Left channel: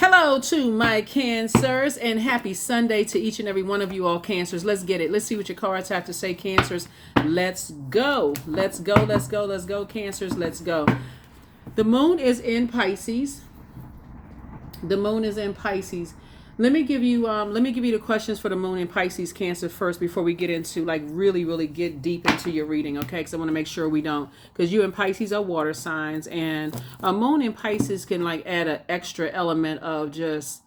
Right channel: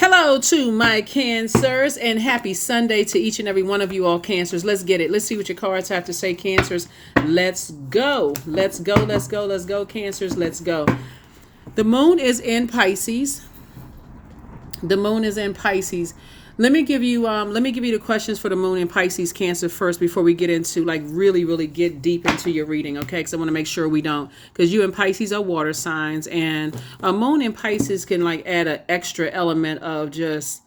Hello to my Cancers and happy Sunday to each and every one of you all Cancers. Let's get it. Let's see what your cards have to say, Cancers. Let's go. Let's go. Let's go. Let's go, Cancers. Let's go. The moon is in Pisces. The moon is in Pisces. Let me give you the questions for the moon in Pisces, Cancer first before we get into like really get deep into your reading, okay? Because I want to make sure we don't, because you and Pisces are water signs, and a moon in Pisces can like add an extra element of just,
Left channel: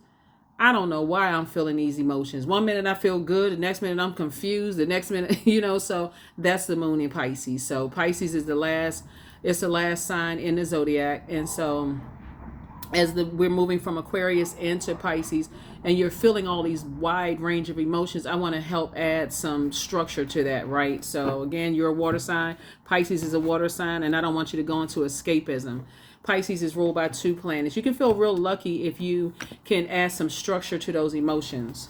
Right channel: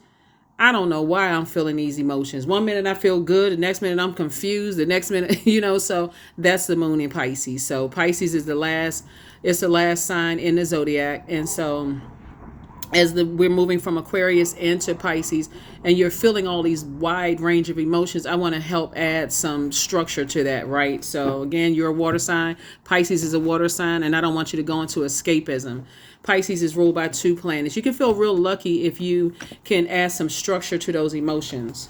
I don't know why I'm feeling these emotions. One minute I feel good, the next minute I'm confused, the next minute, so that's the moon in Pisces. So Pisces is the last sign in the zodiac, and so we're moving from Aquarius into Pisces and you're feeling all these wide range of emotions, I want to help add some structure to that, right? So again, you're a water sign. Pisces is a water sign, and I don't want you to go into escapism. Pisces is ruled by 2 planets. You can feel real lucky if you can add some structure to those emotions.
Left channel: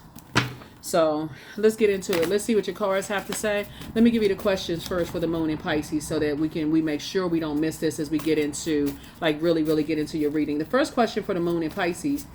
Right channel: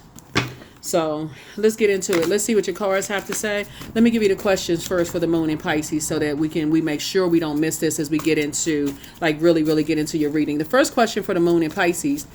So let's get into it. Let's see what your cards have to say. Let me give you the questions first for the moon in Pisces so that we make sure we don't miss this as we get into like really get into your reading. The first question for the moon in Pisces,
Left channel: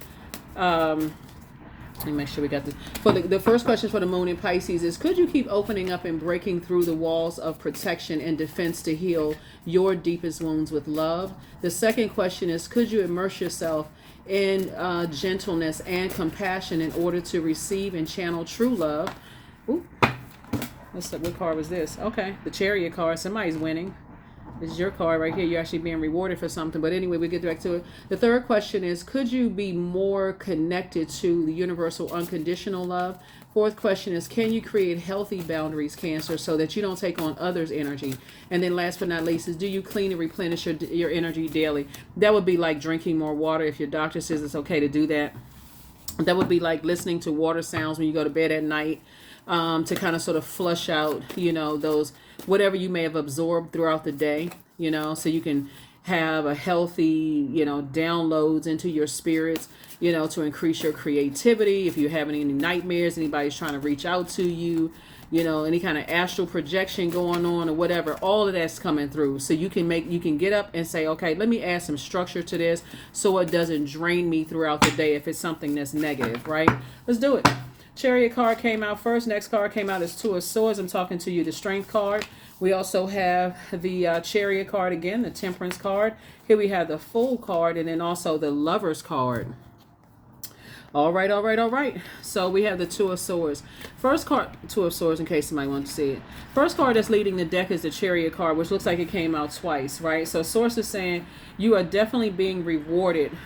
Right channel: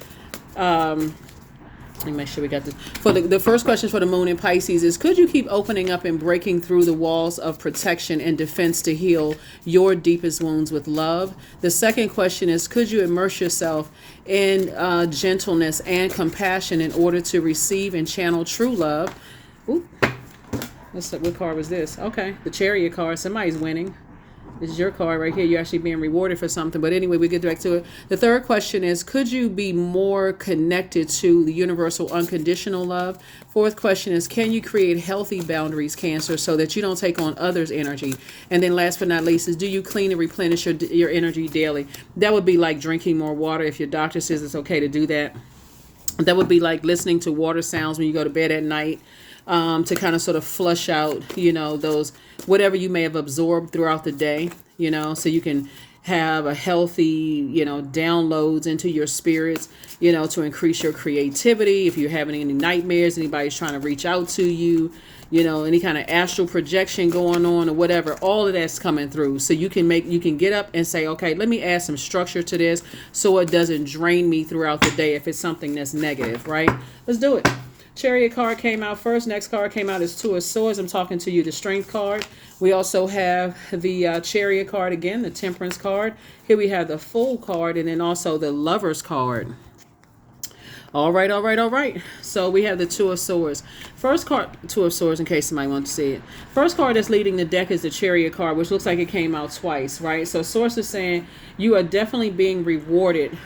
let me make sure we got this. For the first question for the moon in Pisces is, could you keep opening up and breaking through the walls of protection and defense to heal your deepest wounds with love? The second question is, could you immerse yourself in gentleness and compassion in order to receive and channel true love? Ooh, what card was this? Okay, the Chariot card. Somebody's winning. This is your card right here. You're actually being rewarded for something. But anyway, we get back to it. The third question is, could you be more connected to the universal unconditional love? Fourth question is, can you create healthy boundaries, Cancer, so that you don't take on others' energy? And then last but not least is, do you clean and replenish your energy daily? That would be like drinking more water if your doctor says it's okay to do that. That would be like listening to water sounds when you go to bed at night. To kind of sort of flush out, those, whatever you may have absorbed throughout the day, so you can have a healthy, downloads into your spirits, to increase your creativity. If you're having any nightmares, anybody's trying to reach out to you, any kind of astral projection going on or whatever, all of that's coming through. So you can get up and say, okay, let me add some structure to this so it doesn't drain me throughout the day if it's something that's negative, right? Let's do it. Chariot card came out first. Next card came out is 2 of Swords. I'm talking to you, the Strength card. We also have the Chariot card again, the Temperance card. Here we have the Fool card, and then also the Lovers card. All right. So we have the 2 of Swords. First card, 2 of Swords, in case somebody wants to see it. First card that's leading the deck is the Chariot card, which looks like it came out twice, right? So Source is saying you are definitely being rewarded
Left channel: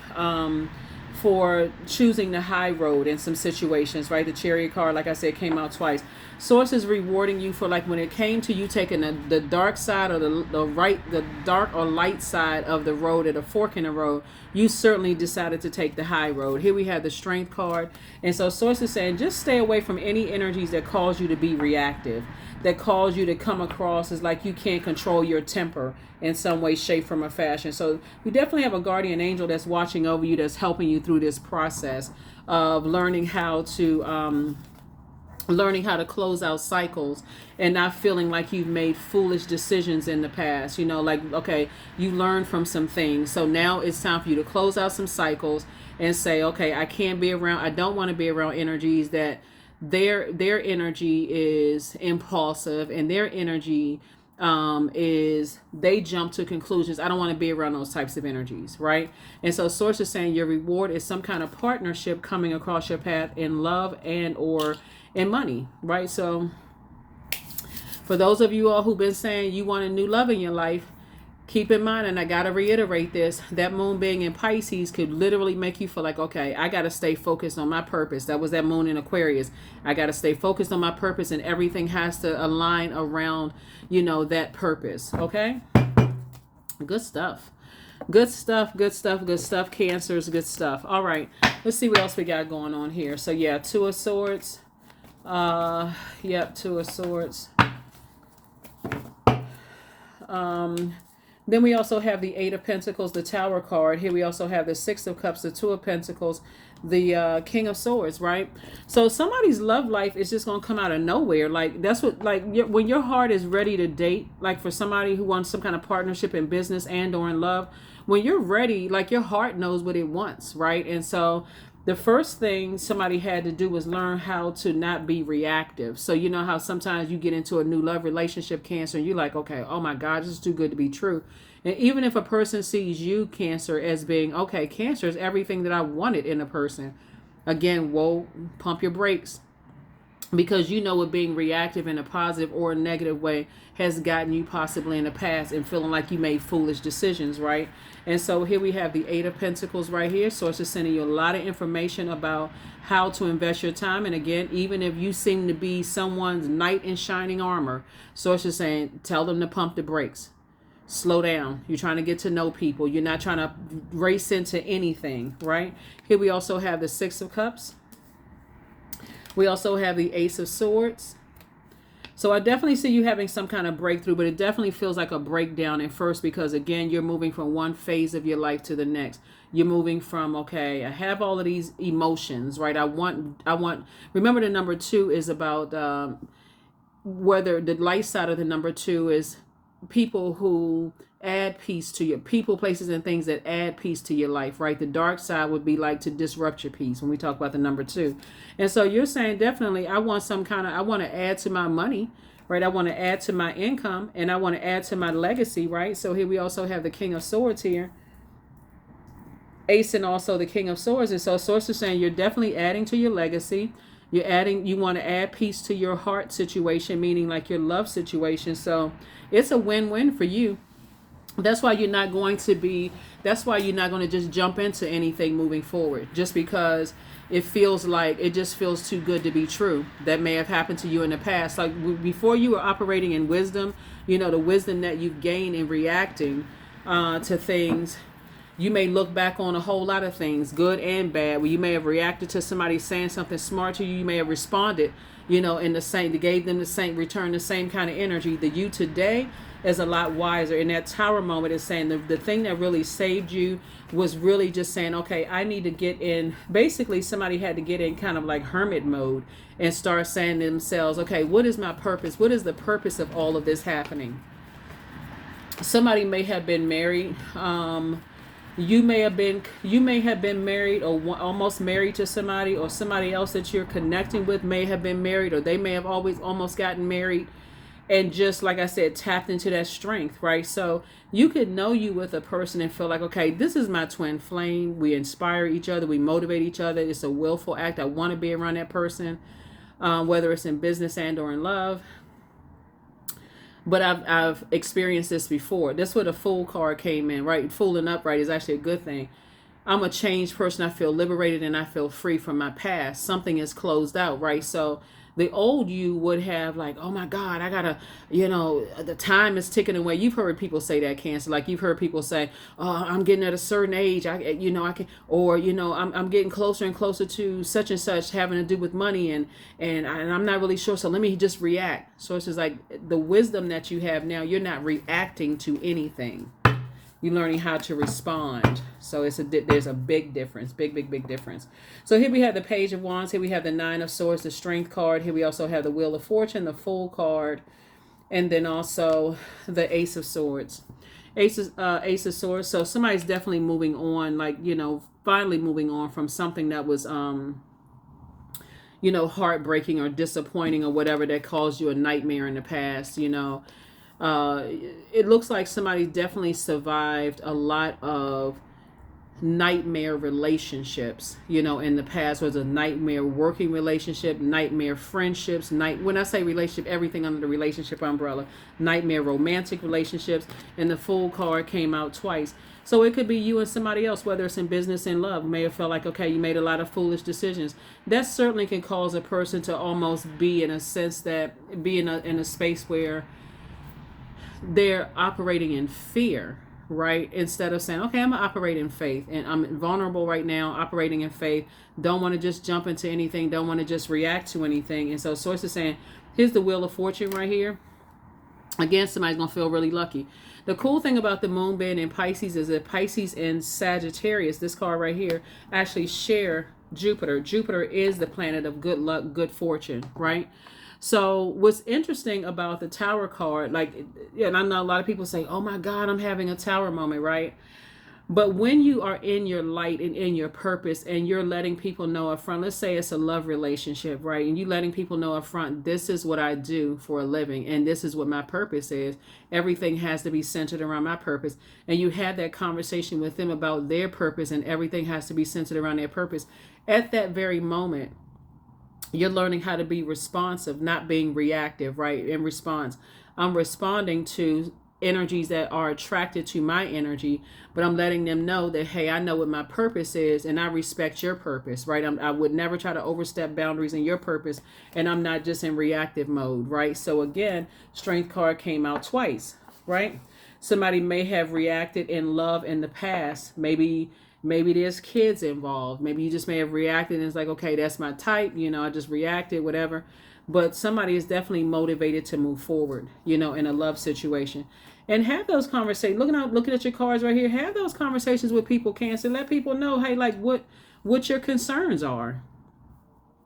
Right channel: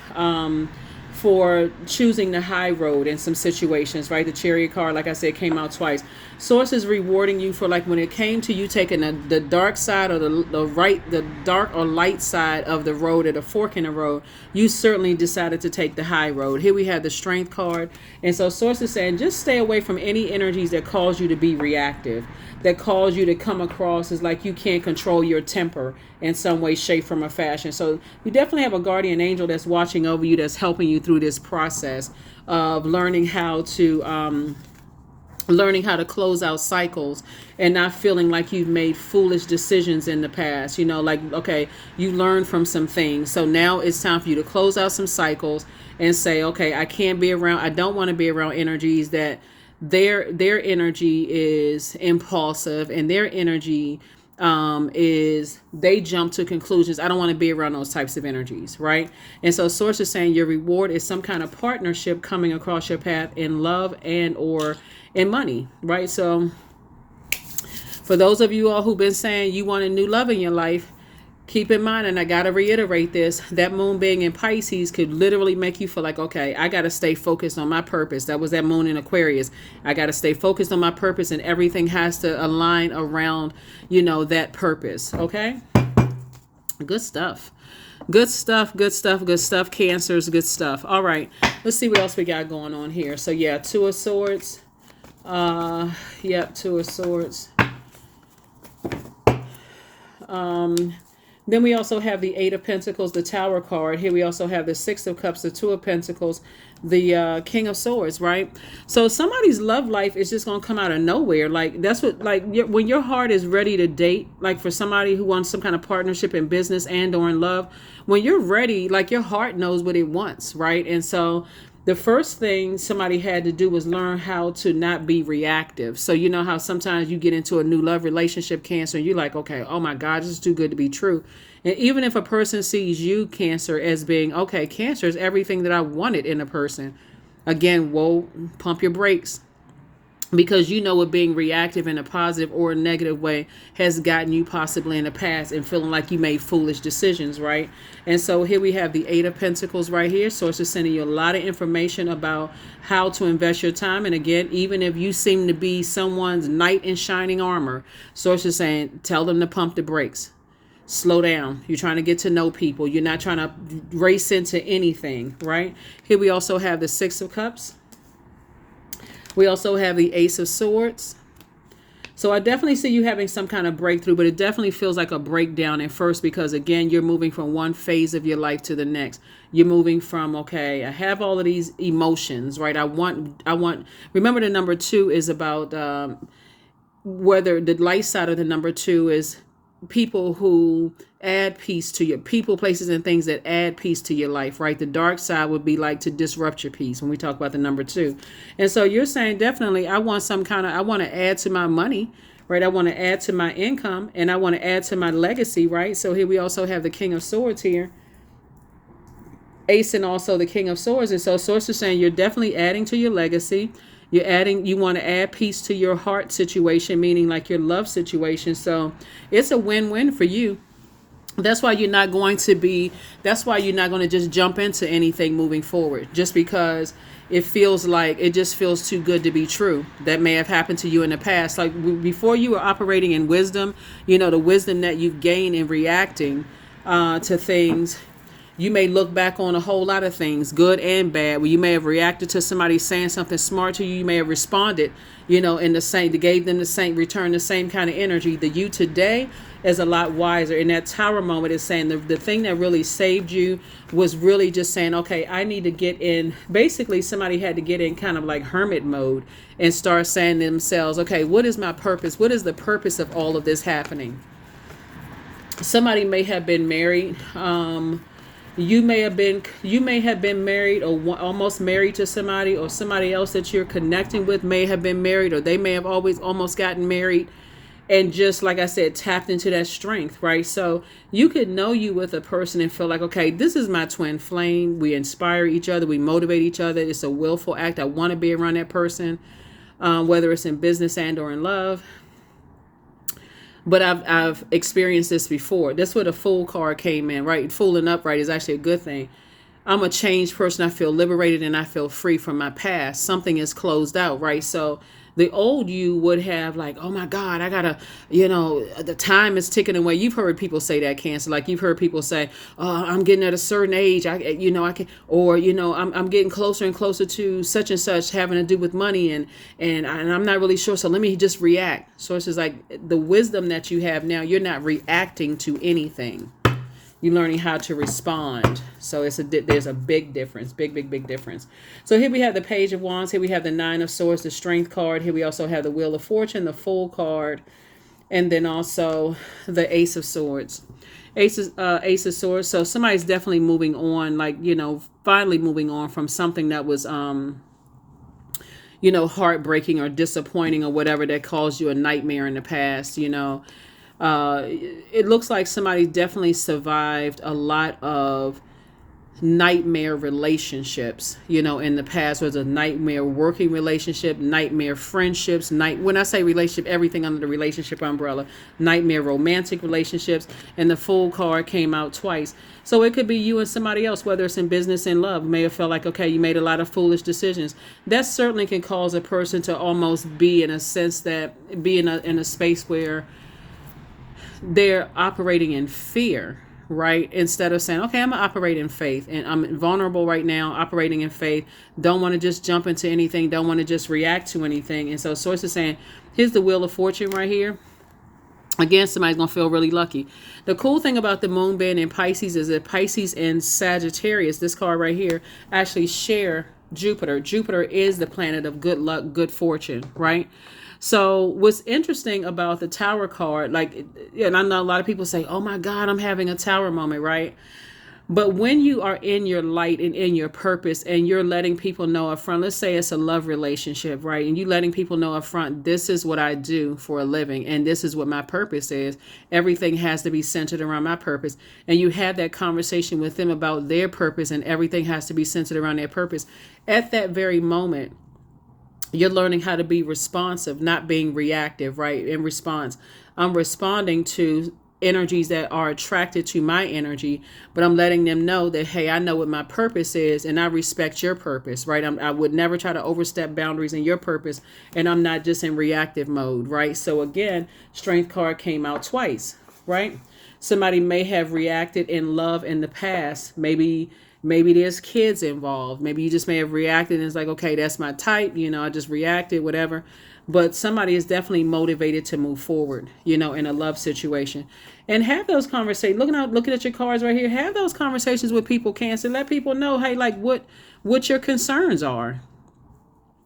for choosing the high road in some situations, right? The Chariot card, like I said, came out twice. Source is rewarding you for, like, when it came to you taking the dark side or the dark or light side of the road, at a fork in the road, you certainly decided to take the high road. Here we have the Strength card. And so Source is saying, just stay away from any energies that cause you to be reactive, that cause you to come across as like you can't control your temper in some way, shape, form, or fashion. So you definitely have a guardian angel that's watching over you, that's helping you through this process of learning how to close out cycles and not feeling like you've made foolish decisions in the past. Like, okay, you learned from some things. So now it's time for you to close out some cycles and say, okay, I don't want to be around energies that their energy is impulsive, and their energy is they jump to conclusions. I don't want to be around those types of energies, right? And so Source is saying your reward is some kind of partnership coming across your path in love and or in money, right? So for those of you all who've been saying you want a new love in your life, keep in mind, and I got to reiterate this, that moon being in Pisces could literally make you feel like, okay, I got to stay focused on my purpose. That was that moon in Aquarius. I got to stay focused on my purpose, and everything has to align around, that purpose. Okay. Good stuff. Cancers, good stuff. All right. Let's see what else we got going on here. So yeah, 2 of Swords. 2 of Swords. Then we also have the 8 of Pentacles, the Tower card. Here we also have the 6 of Cups, the 2 of Pentacles, the King of Swords, right? So somebody's love life is just going to come out of nowhere. Like, that's what, like, when your heart is ready to date, like for somebody who wants some kind of partnership in business and or in love, when you're ready, like your heart knows what it wants, right? And so the first thing somebody had to do was learn how to not be reactive. So you know how sometimes you get into a new love relationship, Cancer, and you're like, okay, oh my God, this is too good to be true. And even if a person sees you, Cancer, as being, okay, Cancer is everything that I wanted in a person, again, whoa, pump your brakes, because you know what being reactive in a positive or a negative way has gotten you possibly in the past, and feeling like you made foolish decisions, right? And so here we have the Eight of Pentacles right here. Source is sending you a lot of information about how to invest your time. And again, even if you seem to be someone's knight in shining armor, Source is saying tell them to pump the brakes. Slow down. You're trying to get to know people. You're not trying to race into anything, right? Here we also have the Six of Cups. We also have the Ace of Swords. So I definitely see you having some kind of breakthrough, but it definitely feels like a breakdown at first, because again, you're moving from one phase of your life to the next. You're moving from, okay, I have all of these emotions, right? I want, remember the number two is about, whether the light side of the number two is people who add peace to your people, places, and things that add peace to your life, right? The dark side would be like to disrupt your peace when we talk about the number two. And so you're saying definitely I want some kind of, I want to add to my money, right? I want to add to my income, and I want to add to my legacy, right? So here we also have the King of Swords here, Ace, and also the King of Swords. And so Source is saying you're definitely adding to your legacy. You're adding, you want to add peace to your heart situation, meaning like your love situation. So it's a win-win for you. That's why you're not going to be, that's why you're not going to just jump into anything moving forward, just because it feels like, it just feels too good to be true. That may have happened to you in the past. Like before you were operating in wisdom, you know, the wisdom that you've gained in reacting to things. You may look back on a whole lot of things, good and bad, where you may have reacted to somebody saying something smart to you. You may have responded, you know, in the same, gave them the same, return the same kind of energy. The you today is a lot wiser. In that tower moment is saying the thing that really saved you was really just saying, okay, I need to get in. Basically, somebody had to get in kind of like hermit mode and start saying to themselves, okay, what is my purpose? What is the purpose of all of this happening? Somebody may have been married. You may have been married, or almost married to somebody, or somebody else that you're connecting with may have been married, or they may have always almost gotten married, and just like I said, tapped into that strength, right? So you could know you with a person and feel like, okay, this is my twin flame. We inspire each other. We motivate each other. It's a willful act. I want to be around that person, whether it's in business and or in love. But I've experienced this before. That's where the Fool card came in, right? Fooling upright is actually a good thing. I'm a changed person. I feel liberated and I feel free from my past. Something is closed out, right? So the old you would have like, oh my God, I gotta, you know, the time is ticking away. You've heard people say that, Cancer. Like you've heard people say, oh, I'm getting at a certain age. I can, or, you know, I'm getting closer and closer to such and such having to do with money, and I'm not really sure. So let me just react. So it's just like the wisdom that you have now, you're not reacting to anything. You're learning how to respond. So there's a big difference, big difference. So here we have the Page of Wands. Here we have the Nine of Swords, the Strength card. Here we also have the Wheel of Fortune, the Fool card, and then also the Ace of Swords. Ace of Swords. So somebody's definitely moving on, like, you know, finally moving on from something that was, you know, heartbreaking or disappointing or whatever that caused you a nightmare in the past, you know. It looks like somebody definitely survived a lot of nightmare relationships, you know, in the past. Was a nightmare working relationship, nightmare friendships, when I say relationship, everything under the relationship umbrella, nightmare romantic relationships, and the Fool card came out twice. So it could be you and somebody else, whether it's in business and love. You may have felt like, okay, you made a lot of foolish decisions. That certainly can cause a person to almost be in a sense that be in a space where they're operating in fear, right? Instead of saying, okay, I'm going to operate in faith, and I'm vulnerable right now, operating in faith. Don't want to just jump into anything. Don't want to just react to anything. And so Source is saying, here's the Wheel of Fortune right here. Again, somebody's going to feel really lucky. The cool thing about the moon being in Pisces is that Pisces and Sagittarius, this card right here, actually share Jupiter. Jupiter is the planet of good luck, good fortune, right? So what's interesting about the Tower card, like, and I know a lot of people say, oh my God, I'm having a Tower moment, right? But when you are in your light and in your purpose and you're letting people know up front, let's say it's a love relationship, right? And you letting people know up front, this is what I do for a living and this is what my purpose is. Everything has to be centered around my purpose. And you have that conversation with them about their purpose and everything has to be centered around their purpose. At that very moment, you're learning how to be responsive, not being reactive, right? In response, I'm responding to energies that are attracted to my energy, but I'm letting them know that, hey, I know what my purpose is and I respect your purpose, right? I would never try to overstep boundaries in your purpose, and I'm not just in reactive mode, right? So again, strength card came out twice, right? Somebody may have reacted in love in the past. Maybe there's kids involved. Maybe you just may have reacted and it's like, okay, that's my type, I just reacted, whatever. But somebody is definitely motivated to move forward, in a love situation. And have those conversations. Looking at your cards right here, have those conversations with people, Cancer. Let people know, hey, like what your concerns are.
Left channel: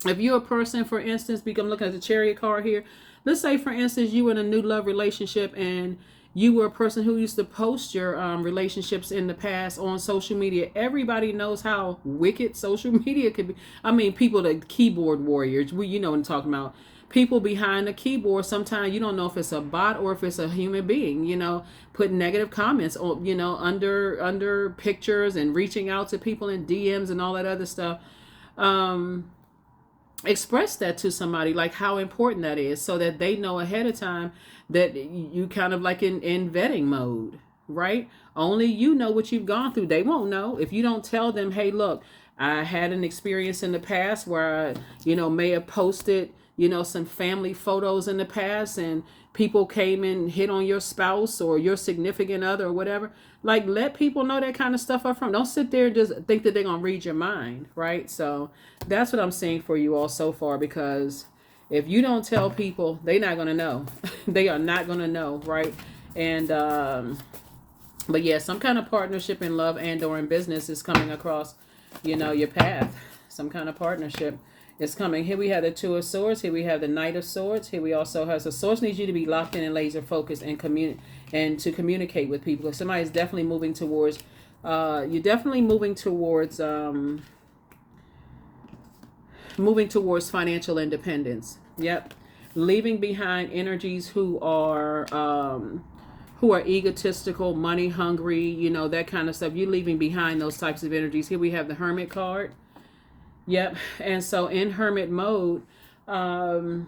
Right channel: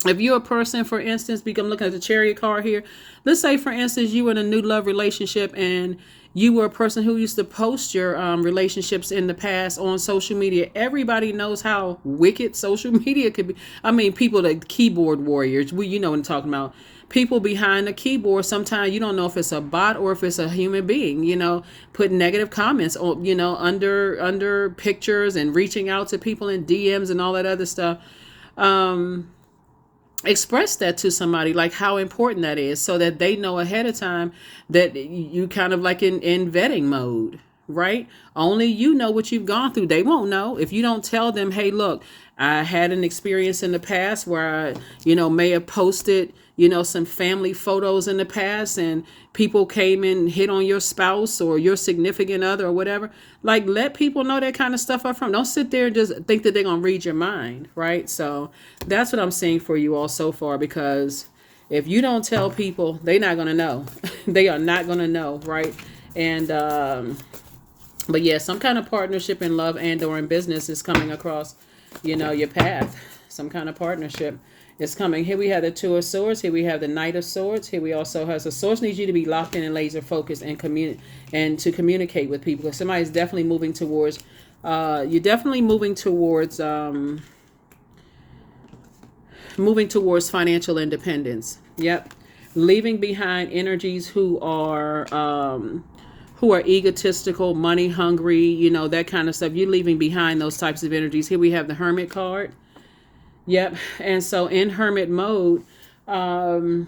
If you're a person, for instance, I'm looking at the Chariot card here. Let's say, for instance, you were in a new love relationship and you were a person who used to post your relationships in the past on social media. Everybody knows how wicked social media could be. I mean, people, the keyboard warriors, you know what I'm talking about. People behind the keyboard, sometimes you don't know if it's a bot or if it's a human being, put negative comments on, under pictures and reaching out to people in DMs and all that other stuff. Express that to somebody, like how important that is, so that they know ahead of time that you kind of like in vetting mode, right? Only you know what you've gone through. They won't know if you don't tell them, hey, look, I had an experience in the past where I, may have posted, some family photos in the past and people came and hit on your spouse or your significant other or whatever. Like, let people know that kind of stuff up front. Don't sit there and just think that they're going to read your mind, right? So that's what I'm seeing for you all so far, because if you don't tell people, they're not going to know. They are not going to know, right? And, but yeah, some kind of partnership in love and or in business is coming across, your path. Some kind of partnership is coming. Here we have the Two of Swords. Here we have the Knight of Swords. Here we also have, so Swords needs you to be locked in and laser focused and to communicate with people. Somebody's definitely moving towards, moving towards financial independence. Yep. Leaving behind energies who are egotistical, money hungry, that kind of stuff. You're leaving behind those types of energies. Here we have the Hermit card. Yep. And so in hermit mode, I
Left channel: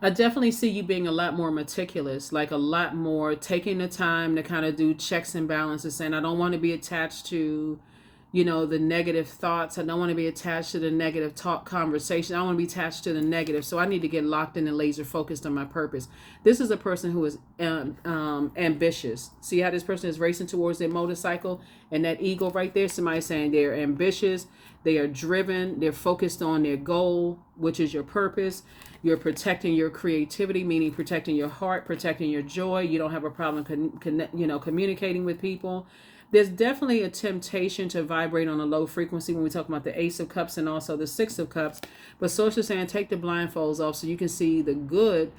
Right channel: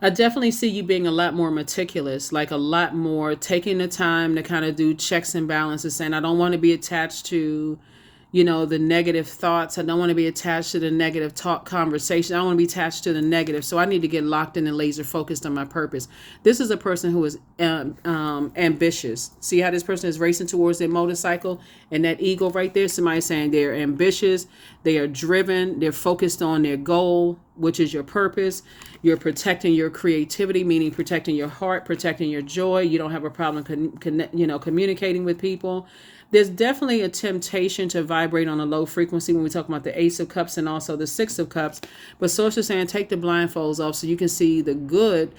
definitely see you being a lot more meticulous, like a lot more taking the time to kind of do checks and balances. And I don't want to be attached to, the negative thoughts. I don't want to be attached to the negative talk conversation. I don't want to be attached to the negative. So I need to get locked in and laser focused on my purpose. This is a person who is ambitious. See how this person is racing towards their motorcycle and that eagle right there? Somebody saying they're ambitious. They are driven. They're focused on their goal, which is your purpose. You're protecting your creativity, meaning protecting your heart, protecting your joy. You don't have a problem, communicating with people. There's definitely a temptation to vibrate on a low frequency when we talk about the Ace of Cups and also the Six of Cups. But Source is saying take the blindfolds off so you can see the good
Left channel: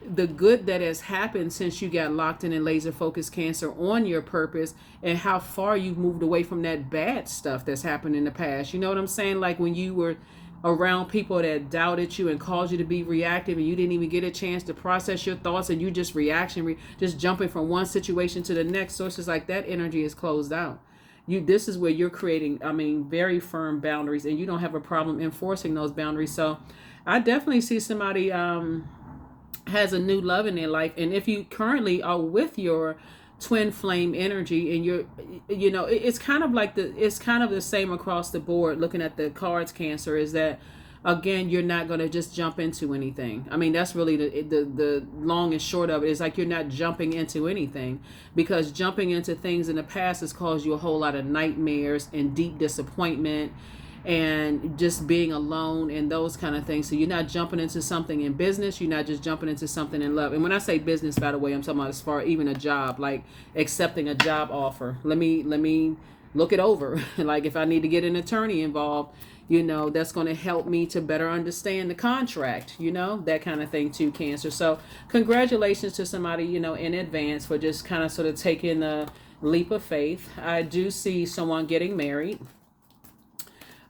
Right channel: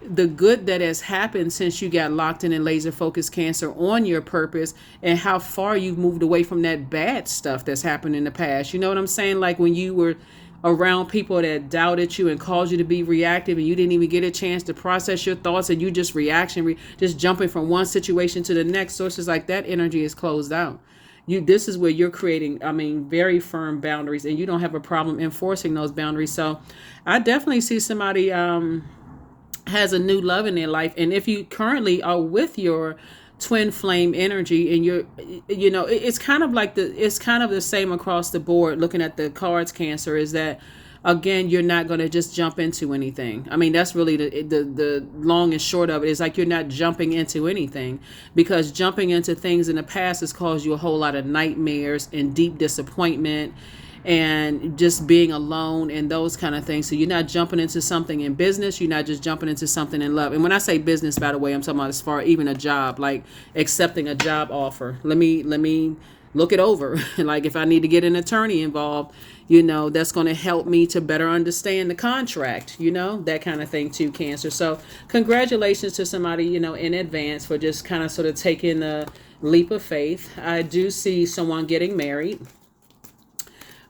that has happened since you got locked in and laser focused, Cancer, on your purpose, and how far you've moved away from that bad stuff that's happened in the past. You know what I'm saying? Like when you were around people that doubted you and caused you to be reactive and you didn't even get a chance to process your thoughts and you just just jumping from one situation to the next. Sources like that energy is closed out. This is where you're creating, very firm boundaries, and you don't have a problem enforcing those boundaries. So I definitely see somebody has a new love in their life. And if you currently are with your twin flame energy and it's kind of the same across the board. Looking at the cards, Cancer, is that again, you're not going to just jump into anything. That's really the long and short of it, is like you're not jumping into anything, because jumping into things in the past has caused you a whole lot of nightmares and deep disappointment and just being alone and those kind of things. So you're not jumping into something in business. You're not just jumping into something in love. And when I say business, by the way, I'm talking about as far even a job, like accepting a job offer. Let me look it over. Like if I need to get an attorney involved, that's going to help me to better understand the contract, that kind of thing too, Cancer. So congratulations to somebody, in advance for just kind of sort of taking the leap of faith. I do see someone getting married.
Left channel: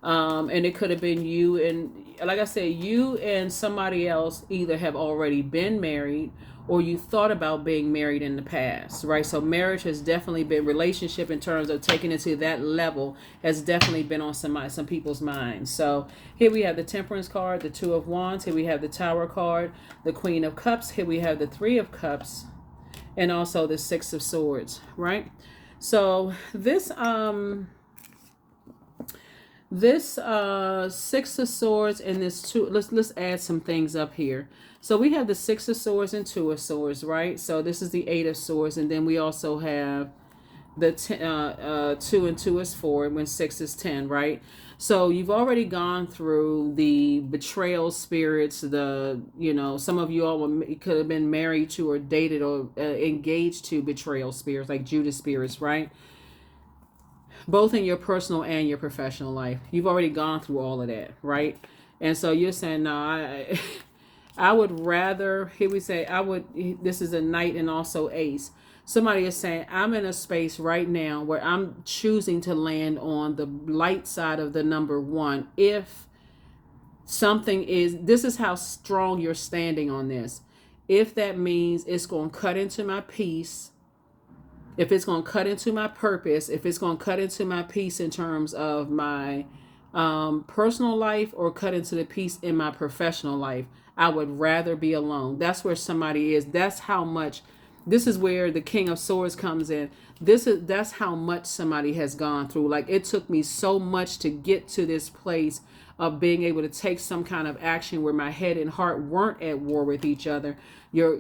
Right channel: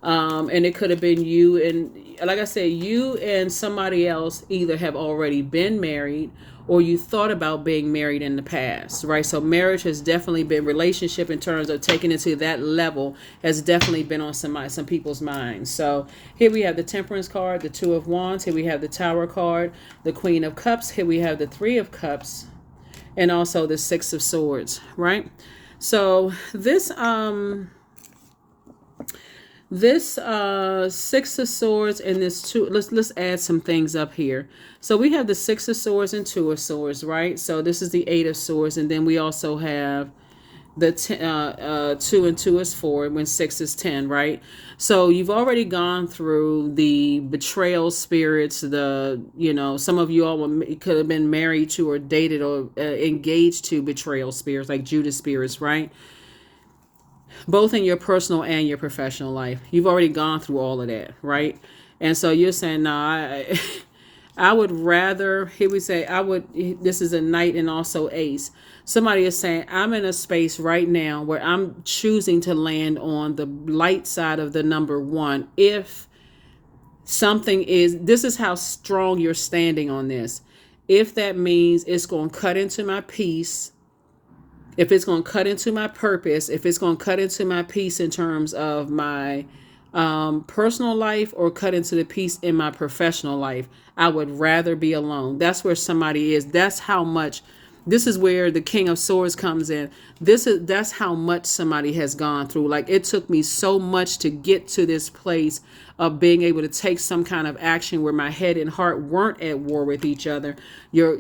And it could have been you and, like I said, you and somebody else either have already been married or you thought about being married in the past, right? So marriage has definitely been, relationship in terms of taking it to that level has definitely been on some people's minds. So here we have the Temperance card, the Two of Wands. Here we have the Tower card, the Queen of Cups. Here we have the Three of Cups, and also the Six of Swords, right? So this Six of Swords and this two, let's add some things up here. So we have the Six of Swords and Two of Swords, right? So this is the Eight of Swords, and then we also have the two and two is four, when six is 10, right? So you've already gone through the betrayal spirits, some of you all could have been married to or dated or engaged to betrayal spirits, like Judas spirits, right? Both in your personal and your professional life. You've already gone through all of that, right? And so you're saying, no, I would rather, here we say, this is a Knight and also Ace. Somebody is saying, I'm in a space right now where I'm choosing to land on the light side of the number one. If this is how strong you're standing on this. If that means it's going to cut into my peace, if it's going to cut into my purpose, if it's going to cut into my peace in terms of my personal life or cut into the peace in my professional life, I would rather be alone. That's where somebody is. That's how much, this is where the King of Swords comes in. That's how much somebody has gone through. Like, it took me so much to get to this place of being able to take some kind of action where my head and heart weren't at war with each other. Your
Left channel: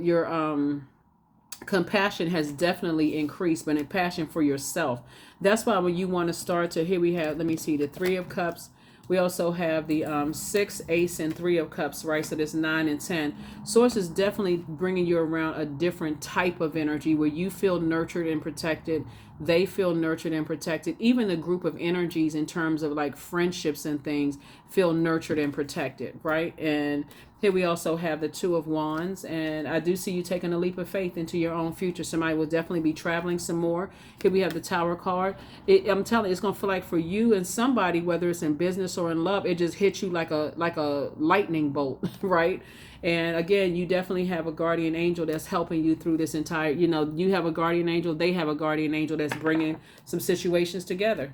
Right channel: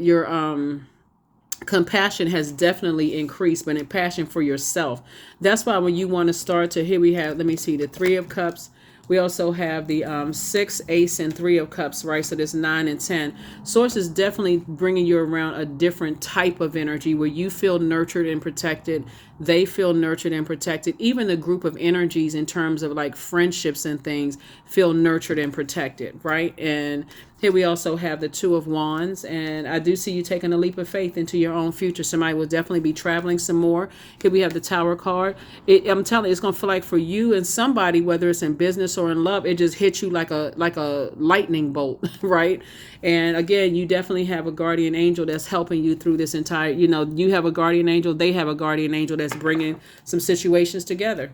compassion has definitely increased, but in passion for yourself. That's why when you want to start to, here we have, let me see, the Three of Cups. We also have the 6, Ace, and 3 of Cups, right? So there's 9 and 10. Source is definitely bringing you around a different type of energy where you feel nurtured and protected. They feel nurtured and protected. Even the group of energies in terms of like friendships and things feel nurtured and protected, right? And here we also have the Two of Wands, and I do see you taking a leap of faith into your own future. Somebody will definitely be traveling some more. Here we have the Tower card. I'm telling you, it's going to feel like for you and somebody, whether it's in business or in love, it just hits you like a lightning bolt, right? And again, you definitely have a guardian angel that's helping you through this entire, you have a guardian angel, they have a guardian angel that's bringing some situations together.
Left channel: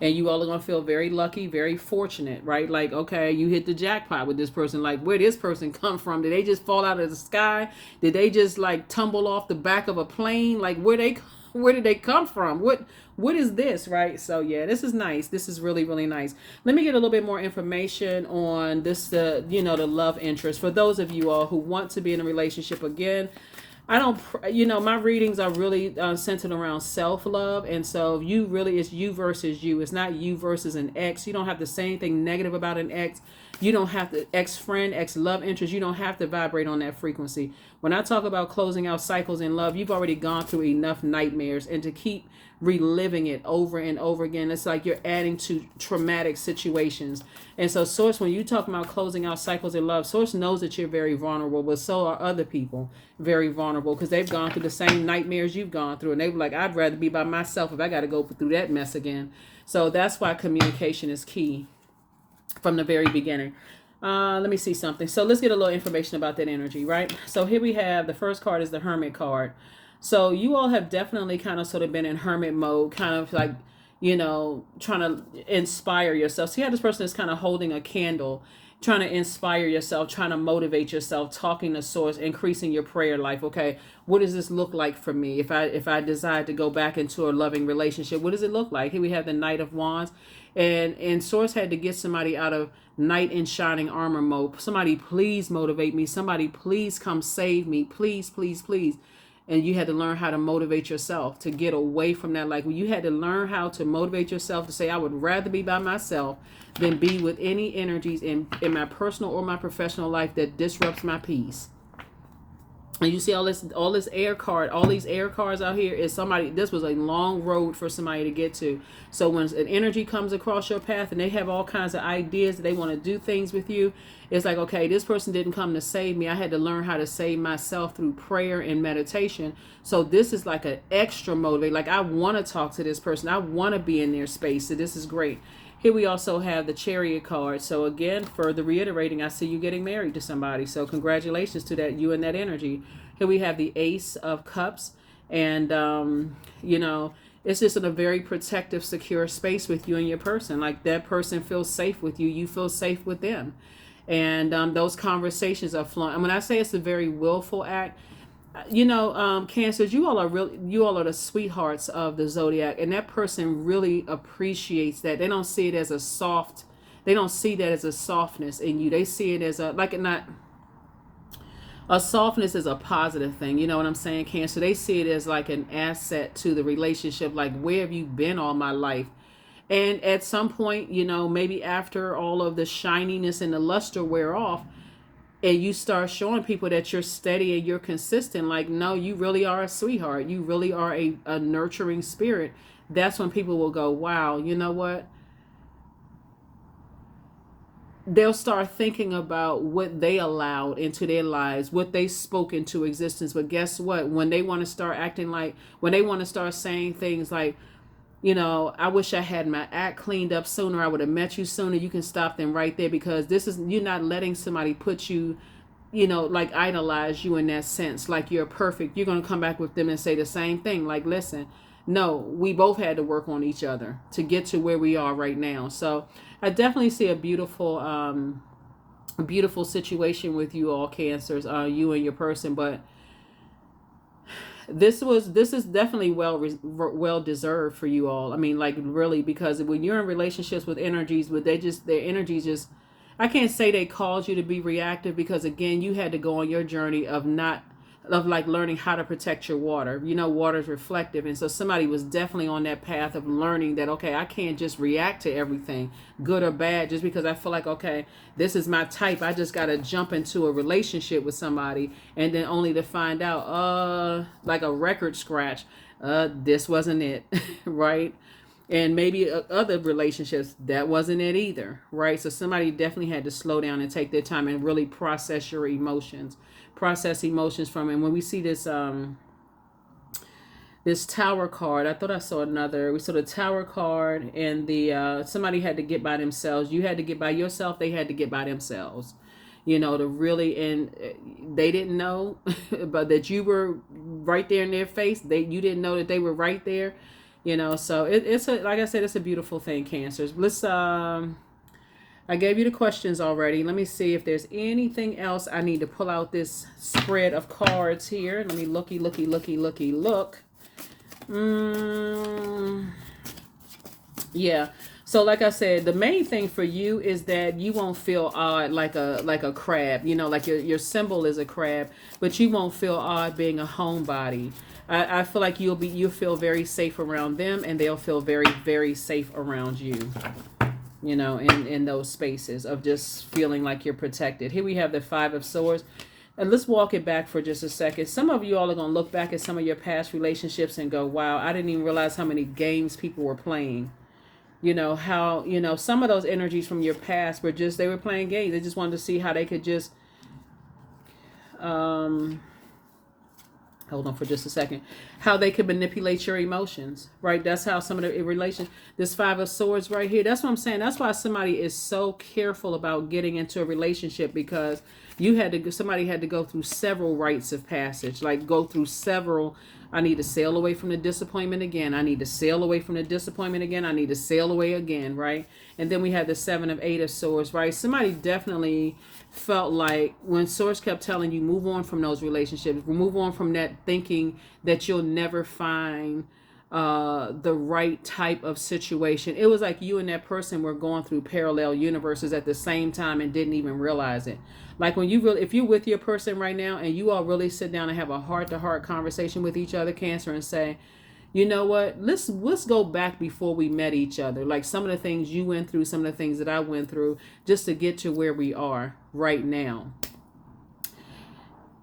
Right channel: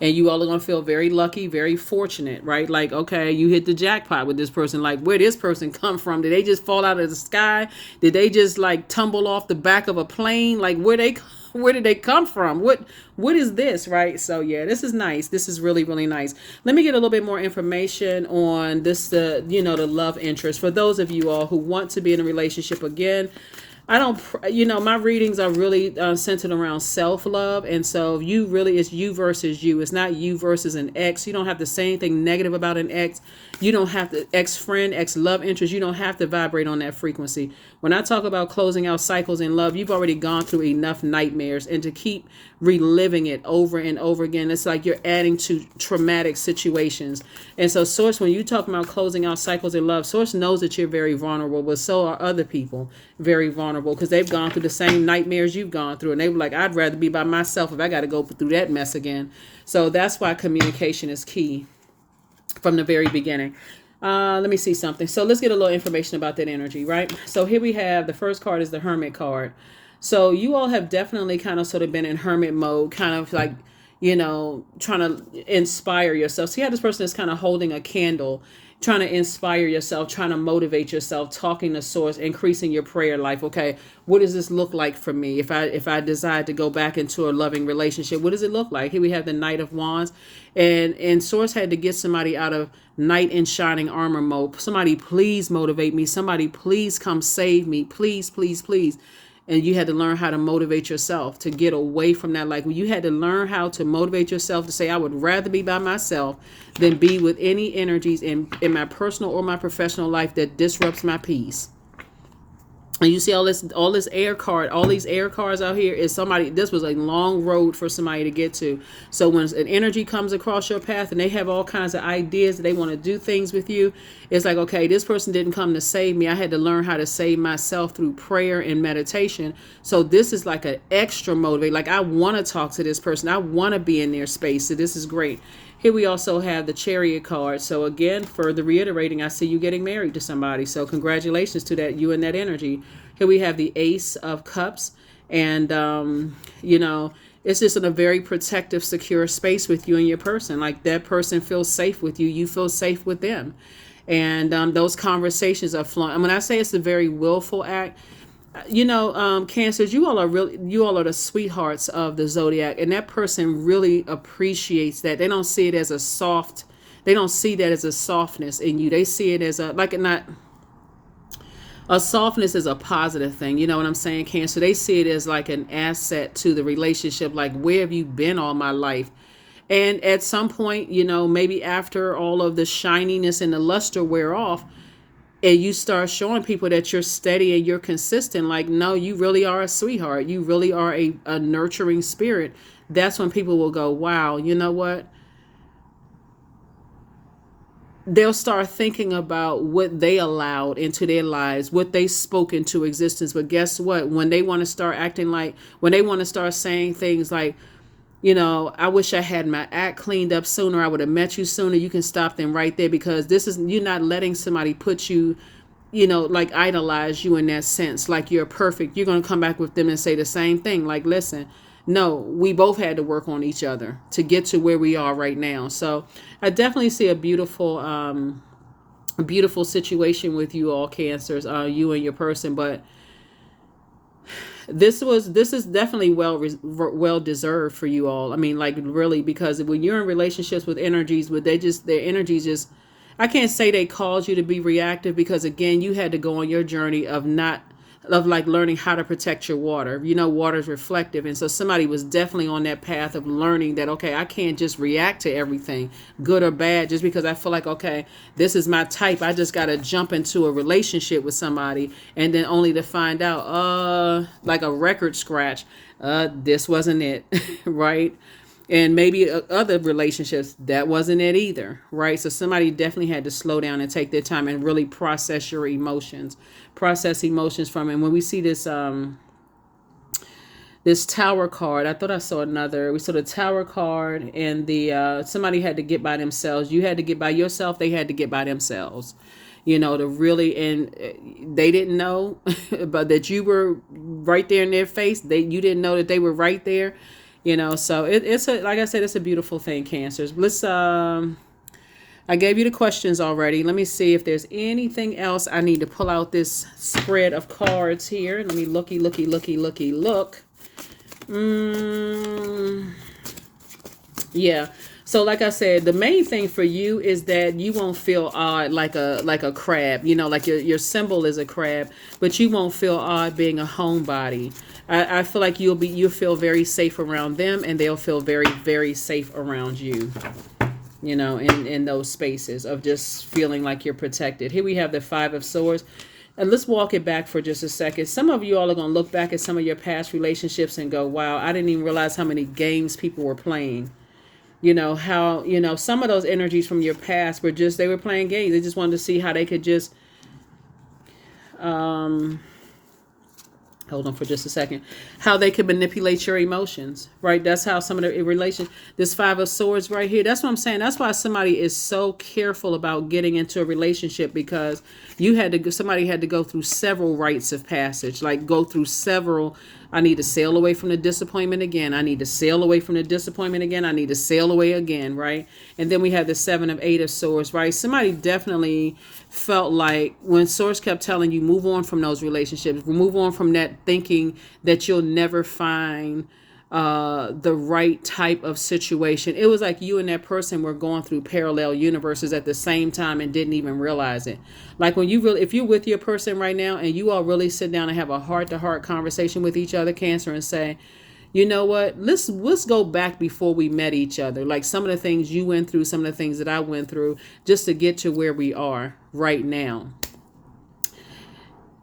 And you all are going to feel very lucky, very fortunate, right? Like, okay, you hit the jackpot with this person. Like, where did this person come from? Did they just fall out of the sky? Did they just like tumble off the back of a plane? Like, where did they come from? What is this, right? So yeah, this is nice. This is really, really nice. Let me get a little bit more information on this, the love interest. For those of you all who want to be in a relationship again, I don't, my readings are really centered around self-love. And so it's you versus you. It's not you versus an ex. You don't have to say anything negative about an ex. You don't have to, ex-friend, ex-love interest. You don't have to vibrate on that frequency. When I talk about closing out cycles in love, you've already gone through enough nightmares, and to keep reliving it over and over again, it's like you're adding to traumatic situations. And so Source, when you talk about closing out cycles in love, Source knows that you're very vulnerable, but so are other people very vulnerable, because they've gone through the same nightmares you've gone through. And they were like, I'd rather be by myself if I got to go through that mess again. So that's why communication is key from the very beginning. Let me see something. So let's get a little information about that energy, right? So here we have, the first card is the Hermit card. So you all have definitely kind of sort of been in hermit mode, kind of like, trying to inspire yourself. So you have this person that's kind of holding a candle, trying to inspire yourself, trying to motivate yourself, talking to Source, increasing your prayer life. Okay, what does this look like for me? If I decide to go back into a loving relationship, what does it look like? Here we have the Knight of Wands, and Source had to get somebody out of knight in shining armor mode. Somebody please motivate me. Somebody please come save me. Please, please, please. And you had to learn how to motivate yourself to get away from that. Like, you had to learn how to motivate yourself to say, I would rather be by myself than be with any energies in my personal or my professional life that disrupts my peace. And you see all this air card, all these air cards out here is somebody, this was a long road for somebody to get to. So when an energy comes across your path and they have all kinds of ideas that they want to do things with you, it's like, okay, this person didn't come to save me. I had to learn how to save myself through prayer and meditation. So this is like an extra motivate. Like, I want to talk to this person. I want to be in their space. So this is great. Here we also have the Chariot card. So again, further reiterating, I see you getting married to somebody. So congratulations to that, you and that energy. Here we have the Ace of Cups. And, it's just in a very protective, secure space with you and your person. Like, that person feels safe with you. You feel safe with them. And those conversations are flowing. When I say it's a very willful act, Cancers, you all are the sweethearts of the Zodiac, and that person really appreciates that. They don't see it as they don't see that as a softness in you. They see it as a softness is a positive thing. You know what I'm saying, Cancer? They see it as like an asset to the relationship. Like, where have you been all my life? And at some point, maybe after all of the shininess and the luster wear off, and you start showing people that you're steady and you're consistent, like, no, you really are a sweetheart. You really are a nurturing spirit. That's when people will go, wow, you know what? They'll start thinking about what they allowed into their lives, what they spoke into existence. But guess what? When they want to start when they want to start saying things like, I wish I had my act cleaned up sooner. I would have met you sooner. You can stop them right there, because you're not letting somebody put you, like idolize you in that sense. Like, you're perfect. You're going to come back with them and say the same thing. Like, listen, no, we both had to work on each other to get to where we are right now. So I definitely see a beautiful situation with you all, Cancers, you and your person. But this is definitely well deserved for you all. I mean, like, really, because when you're in relationships with energies, their energies just, I can't say they caused you to be reactive, because again, you had to go on your journey of like learning how to protect your water. Water is reflective, and so somebody was definitely on that path of learning that, okay, I can't just react to everything, good or bad, just because I feel like, okay, this is my type. I just got to jump into a relationship with somebody, and then only to find out, like a record scratch, this wasn't it, right? And maybe other relationships, that wasn't it either, right? So somebody definitely had to slow down and take their time and really process emotions from it. And when we see this Tower card, I thought I saw another. We saw the Tower card, and the somebody had to get by themselves. You had to get by yourself. They had to get by themselves. To really, and they didn't know, but that you were right there in their face. You didn't know that they were right there. So it's like I said, it's a beautiful thing, Cancers. Let's I gave you the questions already. Let me see if there's anything else. I need to pull out this spread of cards here. Let me look. Yeah. So like I said, the main thing for you is that you won't feel odd like a crab. Like your symbol is a crab, but you won't feel odd being a homebody. I feel like you'll feel very safe around them, and they'll feel very, very safe around you. In those spaces of just feeling like you're protected. Here we have the Five of Swords. And let's walk it back for just a second. Some of you all are going to look back at some of your past relationships and go, wow, I didn't even realize how many games people were playing. How, some of those energies from your past were they were playing games. They just wanted to see how they could just, hold on for just a second, how they could manipulate your emotions, right? That's how some of the this Five of Swords right here, that's what I'm saying. That's why somebody is so careful about getting into a relationship, because somebody had to go through several rites of passage, like go through several, I need to sail away from the disappointment again. I need to sail away from the disappointment again. I need to sail away again, right? And then we have the Seven of Eight of Swords, right? Somebody definitely felt like when Source kept telling you, move on from those relationships, move on from that thinking that you'll never find the right type of situation. It was like you and that person were going through parallel universes at the same time and didn't even realize it. Like when if you're with your person right now and you all really sit down and have a heart-to-heart conversation with each other, Cancer, and say, you know what, let's go back before we met each other. Like some of the things you went through, some of the things that I went through, just to get to where we are right now.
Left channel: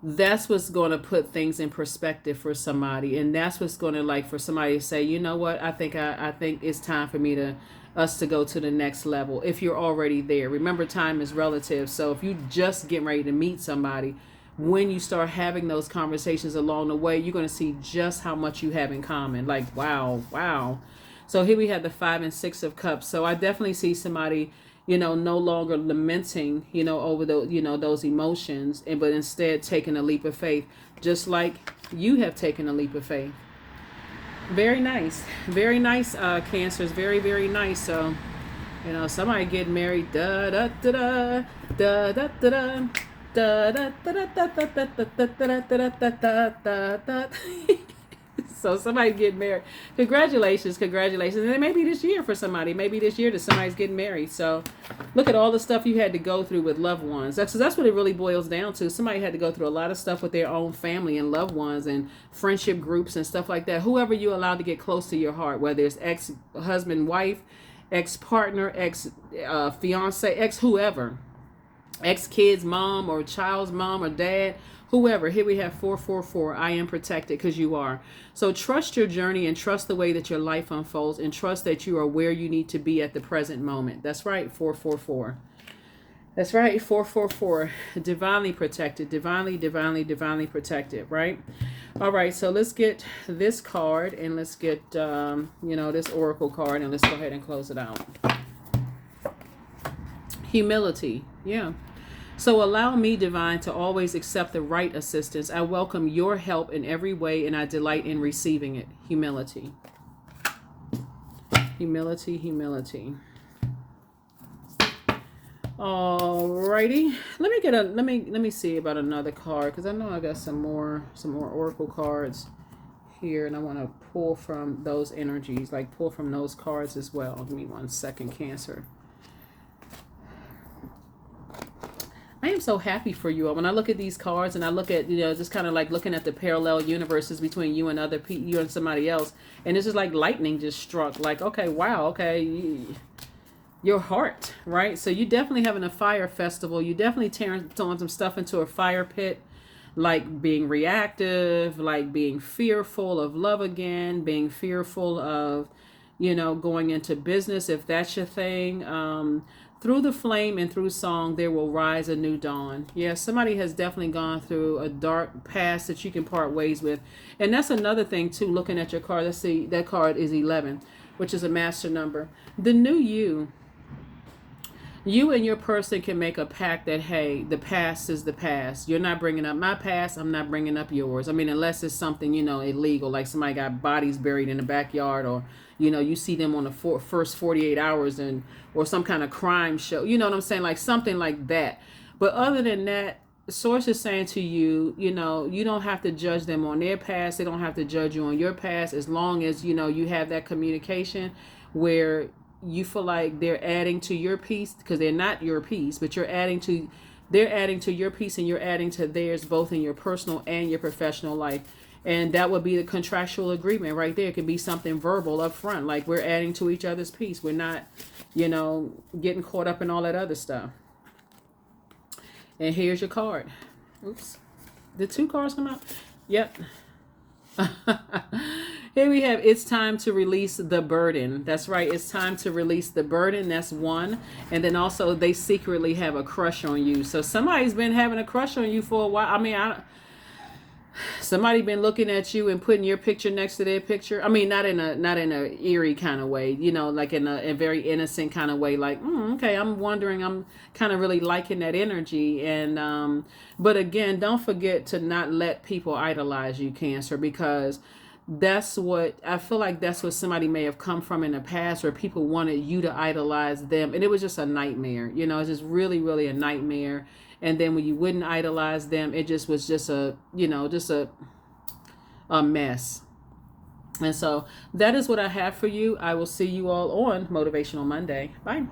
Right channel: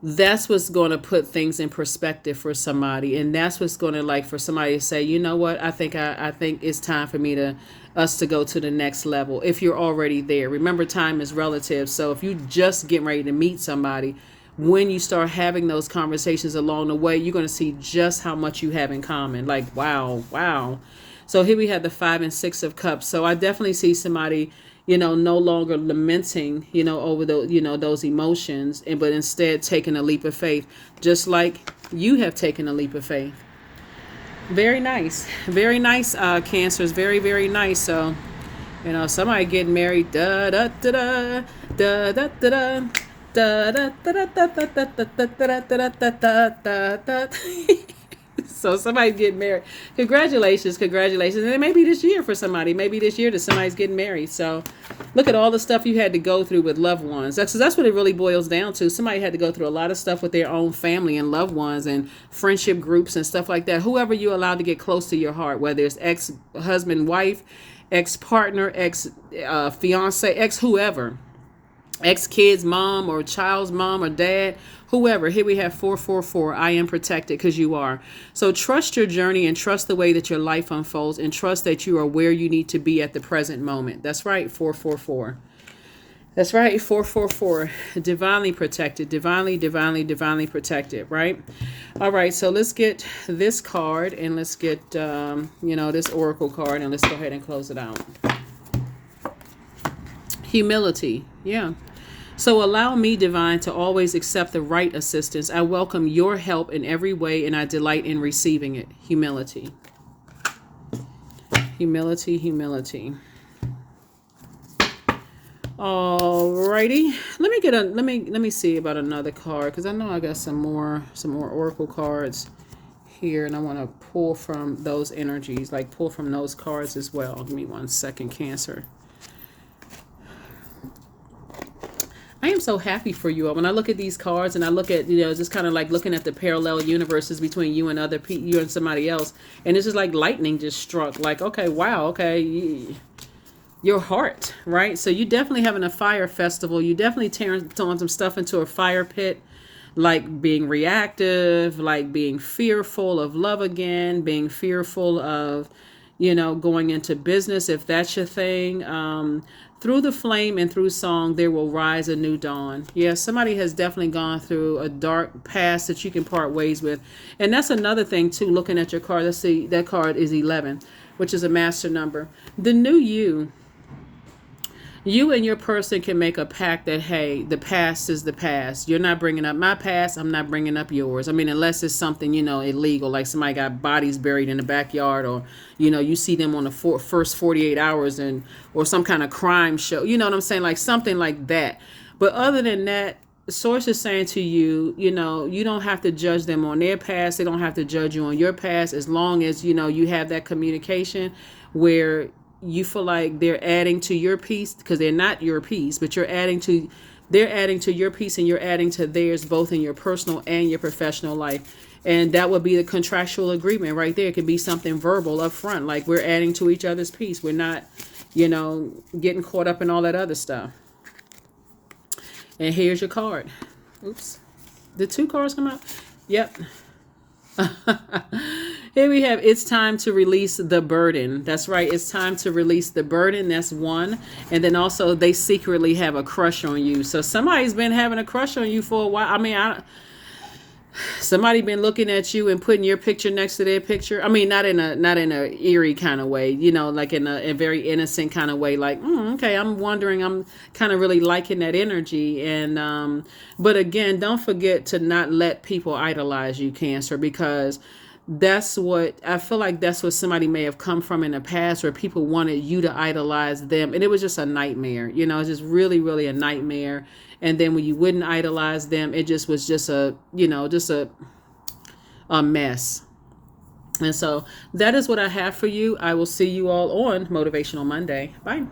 that's what's going to put things in perspective for somebody, and that's what's going to, like, for somebody to say, you know what, I think it's time for me to us to go to the next level. If you're already there, remember, time is relative. So if you just getting ready to meet somebody, when you start having those conversations along the way, you're going to see just how much you have in common. Like, wow, wow. So here we have the 5 and 6 of cups. So I definitely see somebody, no longer lamenting, over the, those emotions, and but instead taking a leap of faith, just like you have taken a leap of faith. Very nice, very nice, Cancers. Very, very nice. So, somebody getting married. Da da da da da da da da da da da da da da da da da da. So somebody getting married. Congratulations, congratulations. And it may be this year for somebody. Maybe this year that somebody's getting married. So look at all the stuff you had to go through with loved ones. That's what it really boils down to. Somebody had to go through a lot of stuff with their own family and loved ones and friendship groups and stuff like that. Whoever you allowed to get close to your heart, whether it's ex-husband, wife, ex-partner, ex-fiance, ex-whoever, ex-kid's mom or child's mom or dad, whoever. Here we have 444. I am protected, because you are. So trust your journey and trust the way that your life unfolds, and trust that you are where you need to be at the present moment. That's right, 444. That's right, 444. Divinely protected, divinely, divinely, divinely protected, right? All right, so let's get this card, and let's get, this oracle card, and let's go ahead and close it out. Humility, yeah. So allow me, divine, to always accept the right assistance. I welcome your help in every way, and I delight in receiving it. Humility. Humility, humility. Alrighty. Let me see about another card, because I know I got some more oracle cards here, and I want to pull from those energies, like pull from those cards as well. Give me 1 second, Cancer. I am so happy for you. When I look at these cards and I look at, just kind of like looking at the parallel universes between you and you and somebody else, and it's just like lightning just struck. Like, okay, wow, okay, your heart, right? So you definitely having a fire festival. You definitely throwing some stuff into a fire pit, like being reactive, like being fearful of love again, being fearful of, going into business, if that's your thing. Through the flame and through song, there will rise a new dawn. Yeah, somebody has definitely gone through a dark past that you can part ways with. And that's another thing, too, looking at your card. Let's see, that card is 11, which is a master number. The new you. You and your person can make a pact that, hey, the past is the past. You're not bringing up my past. I'm not bringing up yours. I mean, unless it's something, illegal, like somebody got bodies buried in the backyard, or, you see them on the first 48 hours or some kind of crime show. You know what I'm saying? Like something like that. But other than that, the source is saying to you, you don't have to judge them on their past. They don't have to judge you on your past, as long as, you have that communication where you feel like they're adding to your piece, because they're not your piece, but they're adding to your piece, and you're adding to theirs, both in your personal and your professional life. And that would be the contractual agreement right there. It could be something verbal up front, like we're adding to each other's piece. We're not, getting caught up in all that other stuff. And here's your card. Oops. Did 2 cards come out? Yep. Here we have, it's time to release the burden. That's right. It's time to release the burden. That's 1. And then also they secretly have a crush on you. So somebody's been having a crush on you for a while. I mean, somebody been looking at you and putting your picture next to their picture. I mean, not in a eerie kind of way, like in a very innocent kind of way. Like, okay, I'm wondering, I'm kind of really liking that energy. And, but again, don't forget to not let people idolize you, Cancer, because that's what I feel like that's what somebody may have come from in the past, where people wanted you to idolize them. And it was just a nightmare, it's just really, really a nightmare. And then when you wouldn't idolize them, it just was just a mess. And so that is what I have for you. I will see you all on Motivational Monday. Bye.